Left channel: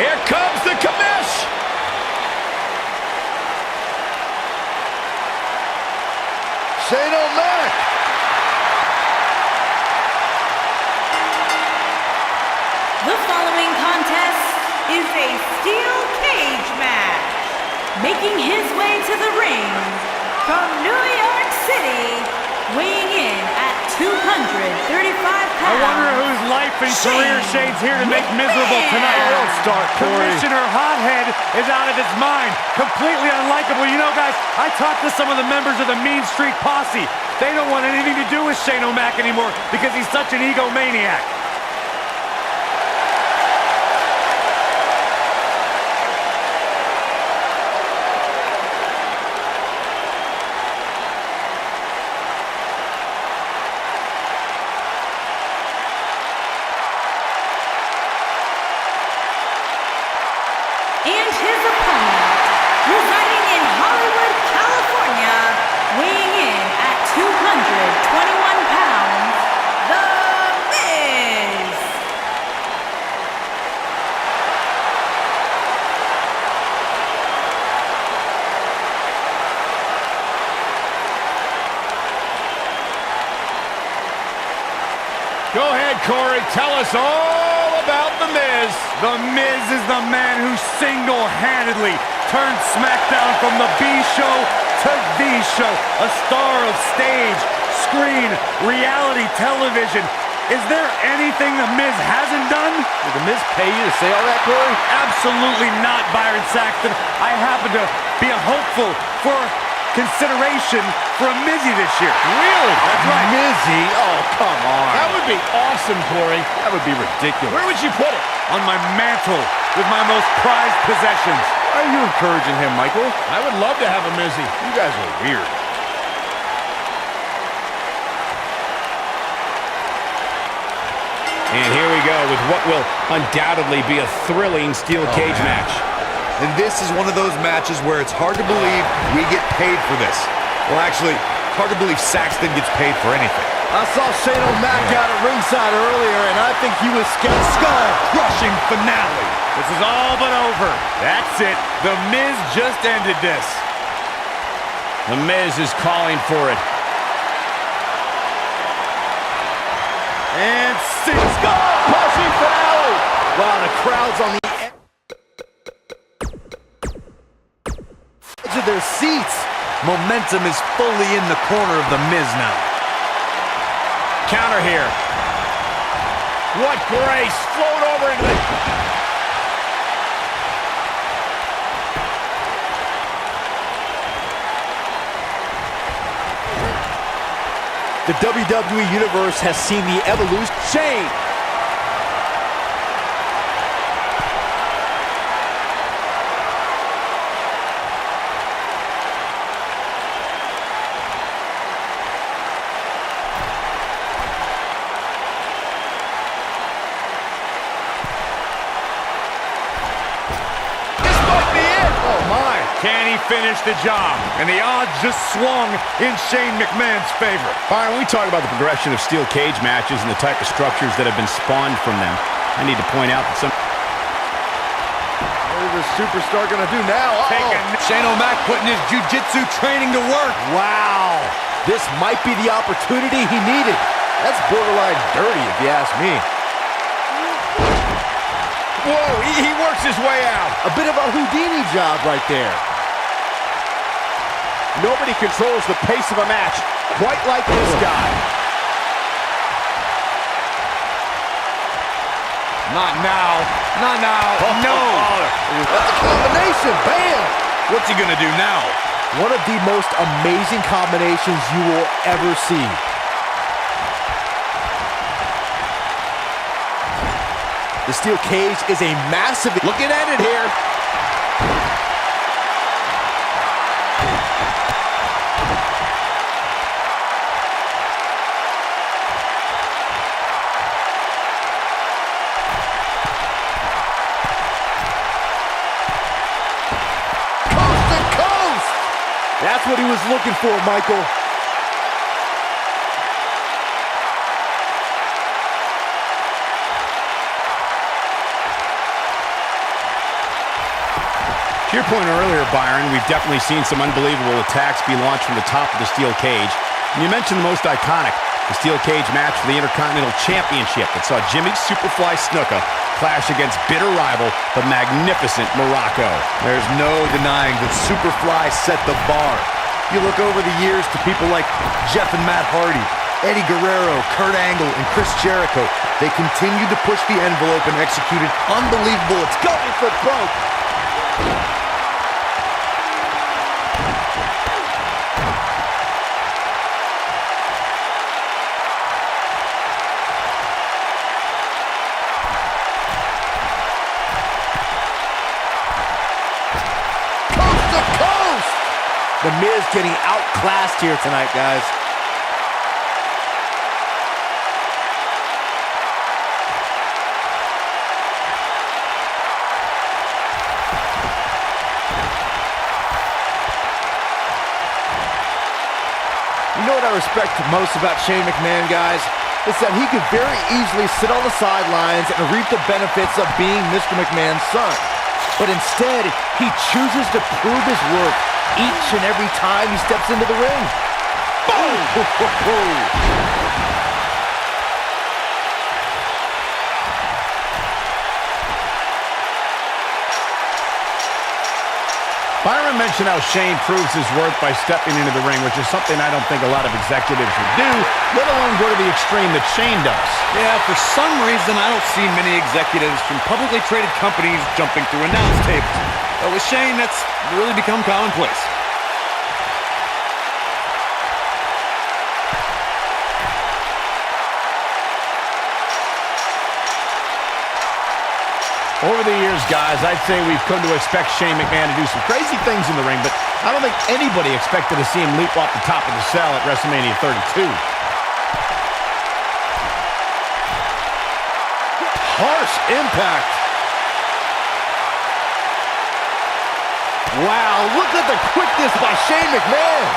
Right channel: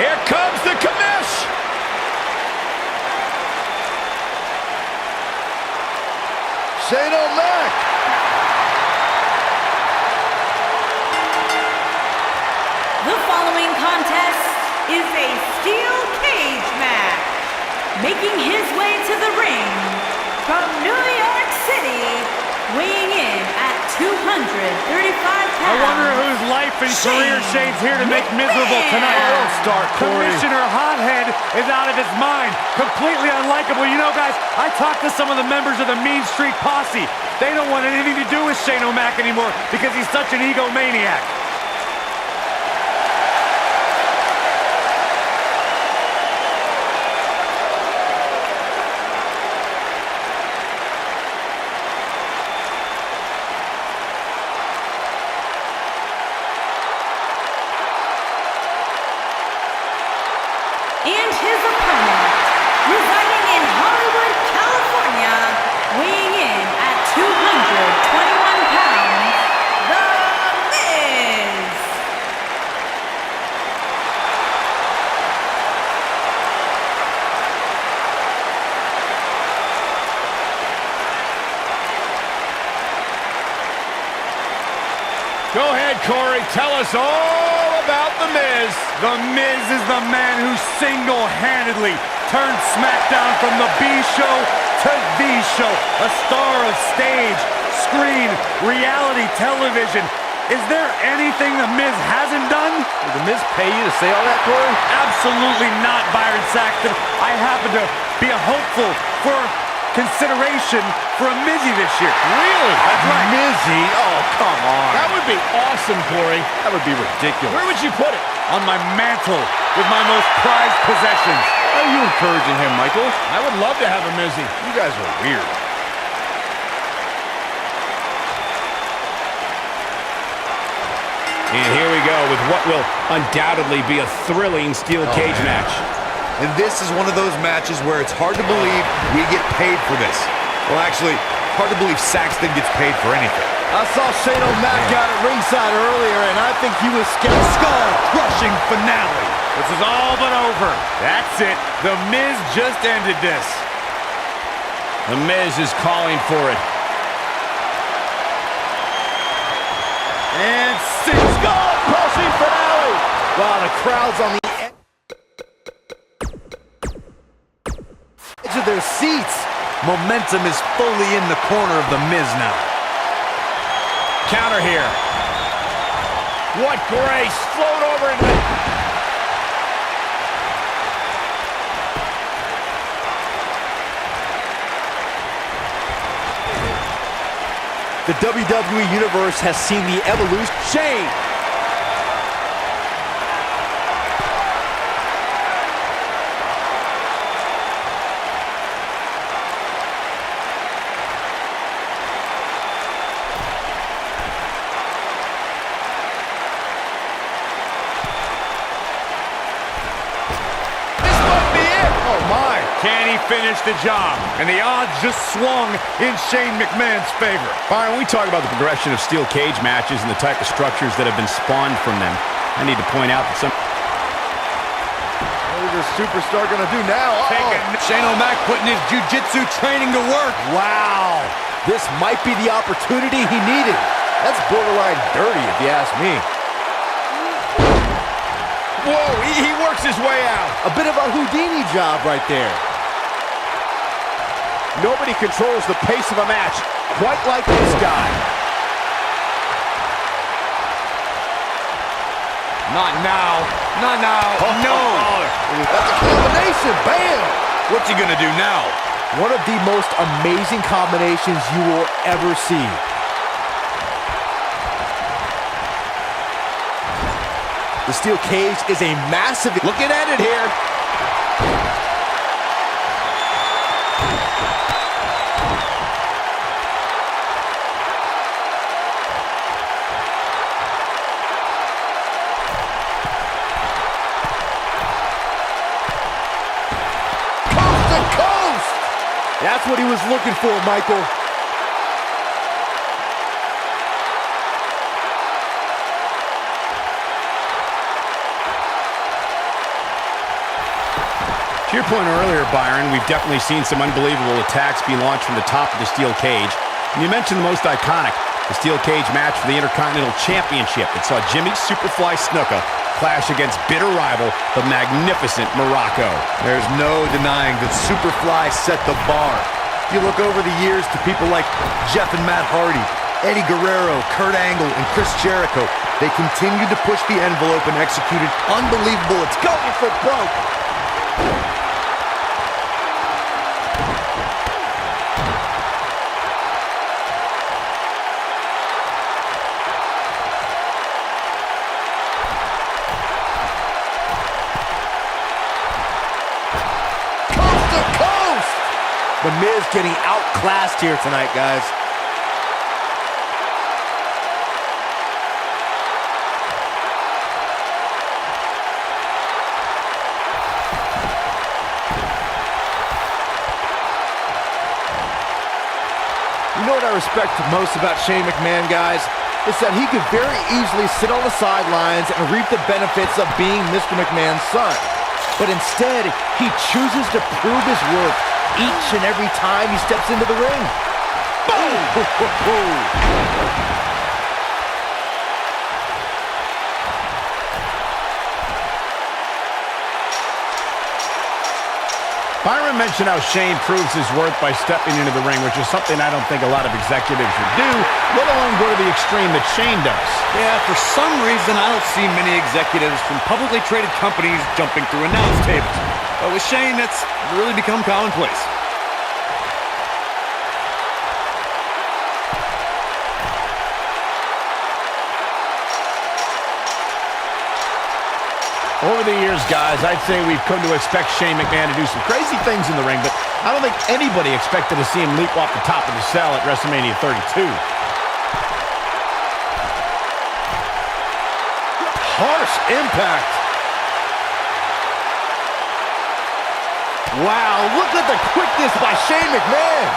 Here comes the commish. Shane O'Mac. The following contest is a steel cage match. Making his way to the ring from New York City, weighing in at 235 pounds. I wonder whose life and career Shane's here to make miserable tonight. Oh, don't start, Corey. Commissioner Hothead is out of his mind. Completely unlikable. You know, guys, I talked to some of the members of the Mean Street Posse. They don't want anything to do with Shane O'Mac anymore because he's such an egomaniac. And his opponent, residing in Hollywood, California, weighing in at 221 pounds, The Miz. Go ahead, Corey. Tell us all about The Miz. The Miz is the man who single-handedly turned SmackDown from the B show to the show. A star of stage, screen, reality television. Is there anything The Miz hasn't done? Did The Miz pay you to say all that, Corey? Absolutely not, Byron Saxton. I happen to be a hopeful for consideration for a Mizzy this year. Really? That's right. Mizzy? Oh, come on. That would be awesome, Corey. That would be ridiculous. Where would you put it? On my mantle with my most prized possessions. Why are you encouraging him, Michael? I would love to have a Mizzy. You guys are weird. And here we go with what will undoubtedly be a thrilling steel cage match. And this is one of those matches where it's hard to believe we get paid for this. Well, actually, hard to believe Saxton gets paid for anything. I saw Shane O'Mac out at ringside earlier, and I think he was scared. Skull-crushing finale. This is all but over. That's it. The Miz just ended this. The Miz is calling for it. And Skull-crushing finale. Wow, the crowd's on the edge of their seats. Momentum is fully in the corner of The Miz now. Counter here. What grace. Float over into the... The WWE Universe has seen the evolution. Shane. Can he finish the job? And the odds just swung in Shane McMahon's favor. Byron, when we talk about the progression of steel cage matches and the type of structures that have been spawned from them, I need to point out that some... What is this superstar going to do now? Shane O'Mac putting his jiu-jitsu training to work. Wow. This might be the opportunity he needed. That's borderline dirty, if you ask me. Whoa, he works his way out. A bit of a Houdini job right there. Nobody controls the pace of a match quite like this guy. Not now. Not now. No. That's a combination. Bam. What's he gonna do now? One of the most amazing combinations you will ever see. The steel cage is a massive... Looking at it here. Coast to coast! That's what he was looking for, Michael. To your point earlier, Byron, we've definitely seen some unbelievable attacks be launched from the top of the steel cage. And you mentioned the most iconic, the steel cage match for the Intercontinental Championship that saw Jimmy Superfly Snuka clash against bitter rival, the magnificent Morocco. There's no denying that Superfly set the bar. You look over the years to people like Jeff and Matt Hardy, Eddie Guerrero, Kurt Angle, and Chris Jericho. They continued to push the envelope and executed unbelievable. It's going for broke. The Miz getting outclassed here tonight, guys. You know what I respect most about Shane McMahon, guys? It's that he could very easily sit on the sidelines and reap the benefits of being Mr. McMahon's son. But instead, he chooses to prove his worth each and every time he steps into the ring. Boom! Byron mentioned how Shane proves his worth by stepping into the ring, which is something I don't think a lot of executives would do, let alone go to the extreme that Shane does. Yeah, for some reason, I don't see many executives from publicly traded companies jumping through announce tables. But with Shane, that's really become commonplace. Over the years, guys, I'd say we've come to expect Shane McMahon to do some crazy things in the ring, but I don't think anybody expected to see him leap off the top of the cell at WrestleMania 32. Harsh impact. Wow, look at the quickness by Shane McMahon.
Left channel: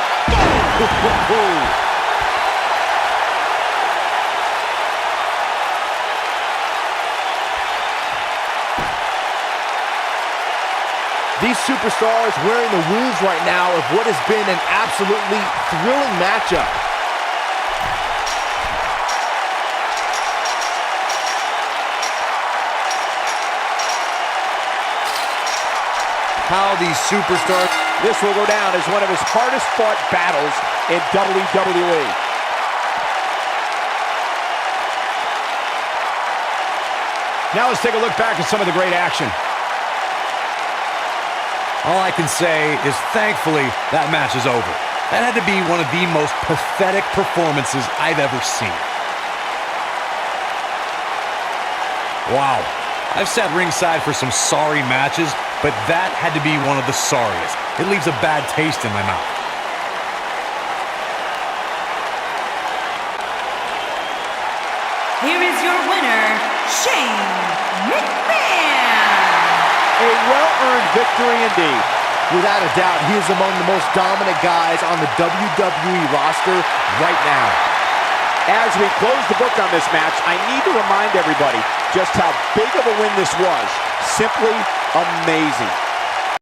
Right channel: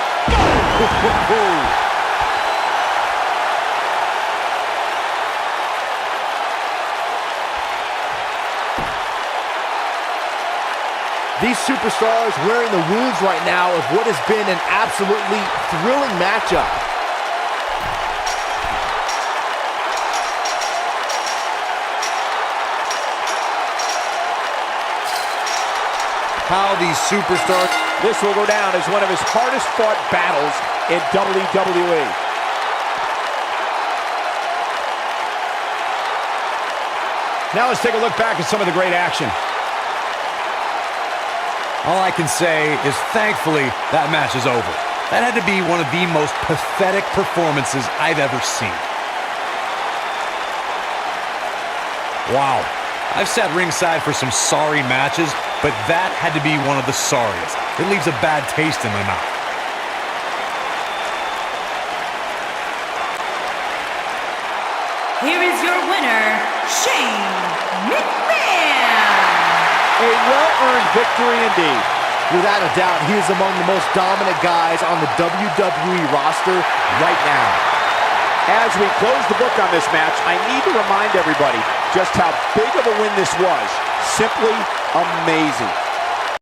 These superstars wearing the wounds right now of what has been an absolutely thrilling matchup. How these superstars... This will go down as one of his hardest fought battles in WWE. Now let's take a look back at some of the great action. All I can say is thankfully that match is over. That had to be one of the most pathetic performances I've ever seen. Wow. I've sat ringside for some sorry matches, but that had to be one of the sorriest. It leaves a bad taste in my mouth. Here is your winner, Shane McMahon. A well-earned victory indeed. Without a doubt, he is among the most dominant guys on the WWE roster right now. As we close the book on this match, I need to remind everybody just how big of a win this was. Simply amazing.